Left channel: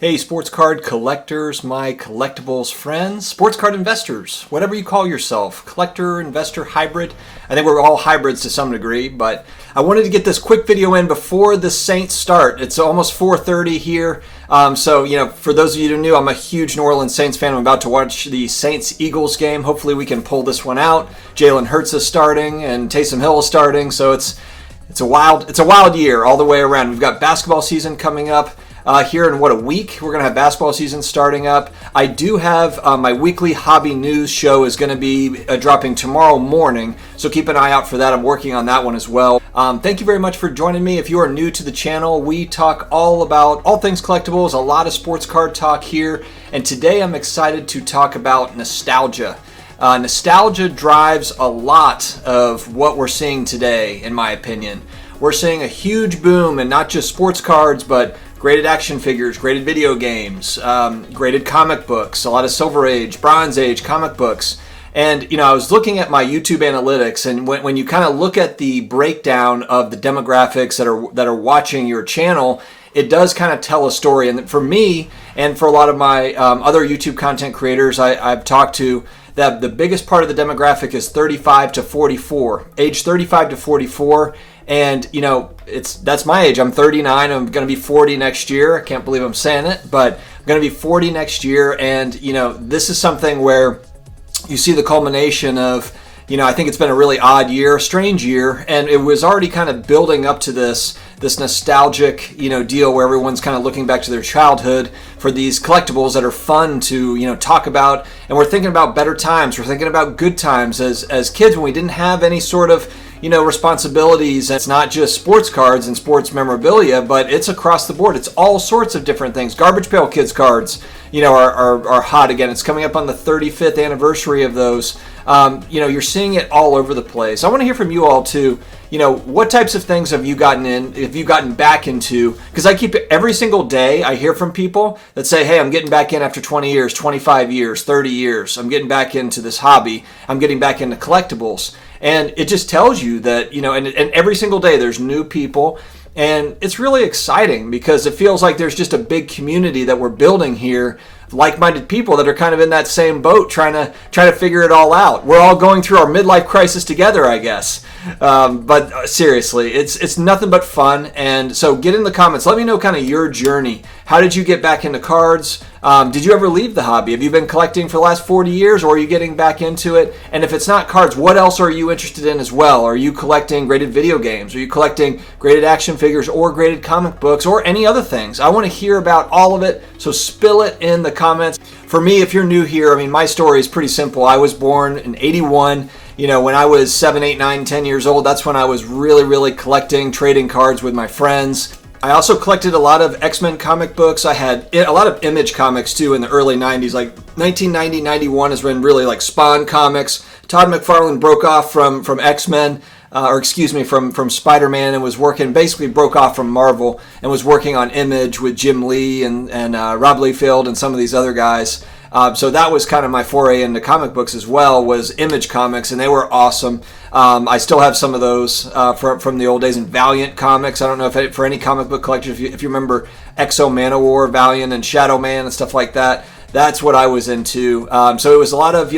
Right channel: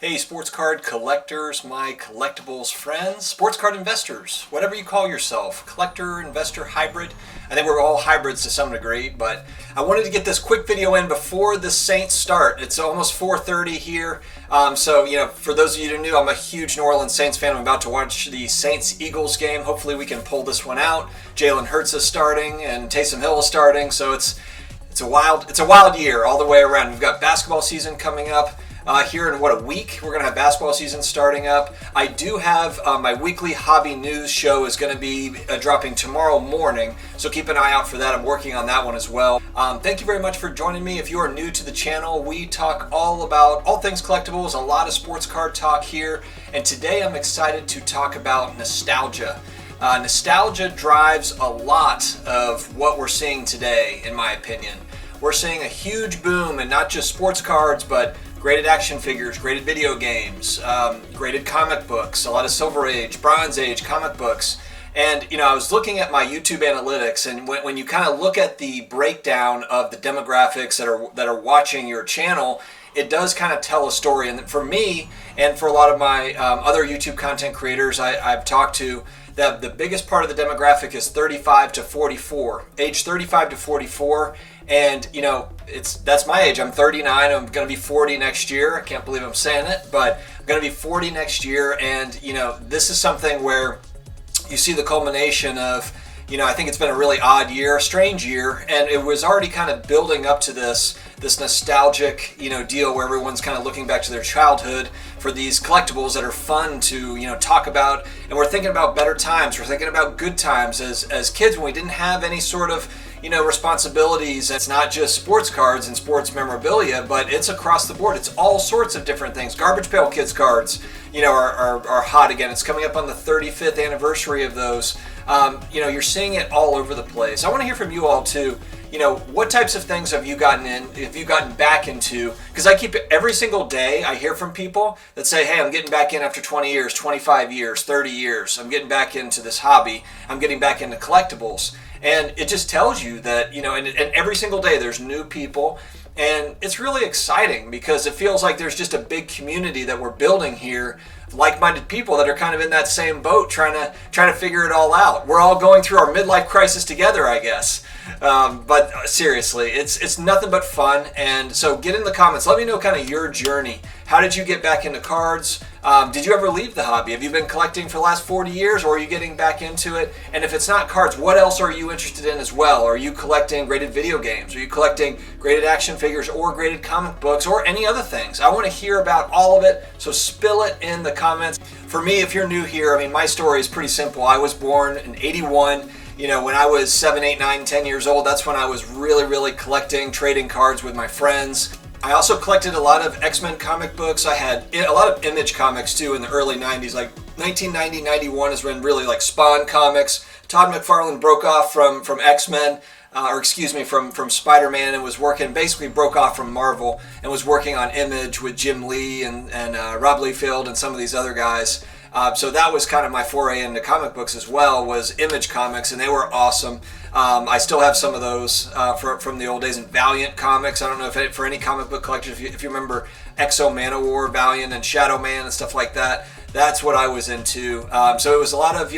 Hey, sports card collectors, my collectibles friends, sports card investors, whatever you call yourself, collector, investor, hybrid. I think we're all hybrids to some degree, but I wanted to get this quick video in before the Saints start. It's almost 4:30 here. For those of you who knew, I'm a huge New Orleans Saints fan. I'm about to watch the Saints-Eagles game. Hopefully we can pull this one out. Jalen Hurts is starting and Taysom Hill is starting, so it's a wild year all the way around. We've got basketball season coming up. Here in a week, we're going to have basketball season starting up. I do have my weekly hobby news show is going to be dropping tomorrow morning, so keep an eye out for that. I'm working on that one as well. Thank you very much for joining me. If you are new to the channel, we talk all about all things collectibles, a lot of sports card talk here, and today I'm excited to talk about nostalgia. Nostalgia drives a lot of what we're seeing today, in my opinion. We're seeing a huge boom in not just sports cards, but graded action figures, graded video games, graded comic books, a lot of Silver Age, Bronze Age comic books. And, I was looking at my YouTube analytics, and when you kind of look at the breakdown of the demographics that are watching your channel, it does kind of tell a story. And for me, and for a lot of my other YouTube content creators I've talked to, that the biggest part of the demographic is 35 to 44, age 35 to 44. And, that's my age. I'm 39. I'm going to be 40 next year. I can't believe I'm saying it, but I'm going to be 40 next year. And, this is something where you see the culmination of, I think it's been a really odd year, a strange year, and it was already kind of building up to this nostalgic, deal where everyone's kind of looking back to their childhood for these collectibles that are fun to, talk about. And we're thinking about better times. We're thinking about good times as kids when we didn't have any sort of, responsibilities. It's not just sports cards and sports memorabilia, but it's across the board. It's all sorts of different things. Garbage Pail Kids cards, are hot again. It's coming up on the 35th anniversary of those. You're seeing it all over the place. I want to hear from you all too. What types of things have you gotten back into? Because I keep it every single day. I hear from people that say, hey, I'm getting back in after 20 years, 25 years, 30 years. I'm getting back into this hobby. I'm getting back into collectibles. And it just tells you that, and every single day there's new people. And it's really exciting because it feels like there's just a big community that we're building here, like-minded people that are kind of in that same boat trying to figure it all out. We're all going through our midlife crisis together, I guess. But seriously, it's nothing but fun. And so get in the comments. Let me know kind of your journey. How did you get back into cards? Did you ever leave the hobby? Have you been collecting for the last 40 years, or are you getting back into it? And if it's not cards, what else are you interested in as well? Are you collecting graded video games? Are you collecting graded action figures or graded comic books or any other things? I want to hear about all of it, so spill it in the comments. For me, if you're new here, my story is pretty simple. I was born in 81. When I was 7, 8, 9, 10 years old, that's when I was really, really collecting, trading cards with my friends. I also collected a lot of X-Men comic books. I had a lot of Image comics too in the early 90s, like 1990, 91 is when really like Spawn comics. Todd McFarlane broke off from X-Men, from Spider-Man, and basically broke off from Marvel and was working on Image with Jim Lee and Rob Liefeld and some of these other guys. So that was kind of my foray into comic books as well, was Image comics, and they were awesome. I still have some of those from the old days. And Valiant comics, I don't know if for any comic book collectors, if you remember Exo Manowar, Valiant, and Shadow Man and stuff like that. That's what I was into. So it was a lot of,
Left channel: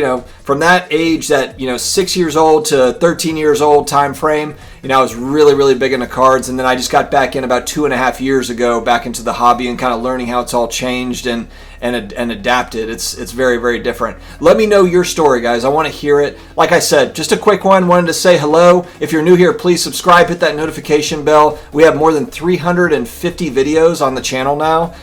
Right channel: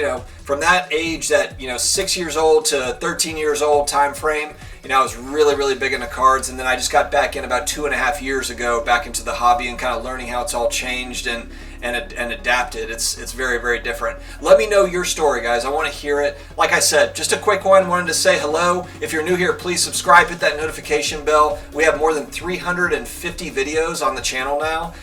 from that age, that, 6 years old to 13 years old time frame, I was really, really big into cards. And then I just got back in about 2.5 years ago, back into the hobby and kind of learning how it's all changed and adapted. It's very, very different. Let me know your story, guys. I want to hear it. Like I said, just a quick one. Wanted to say hello. If you're new here, please subscribe, hit that notification bell. We have more than 350 videos on the channel now.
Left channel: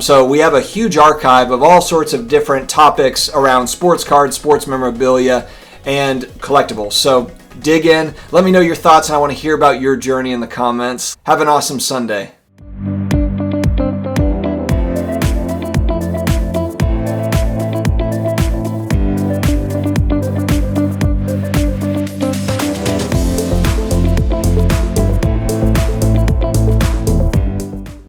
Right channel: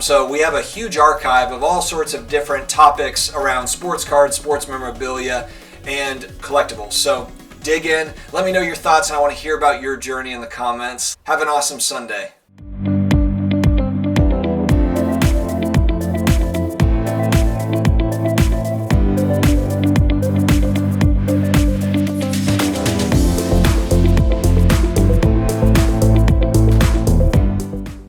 So we have a huge archive of all sorts of different topics around sports cards, sports memorabilia, and collectibles. So dig in. Let me know your thoughts, and I want to hear about your journey in the comments. Have an awesome Sunday.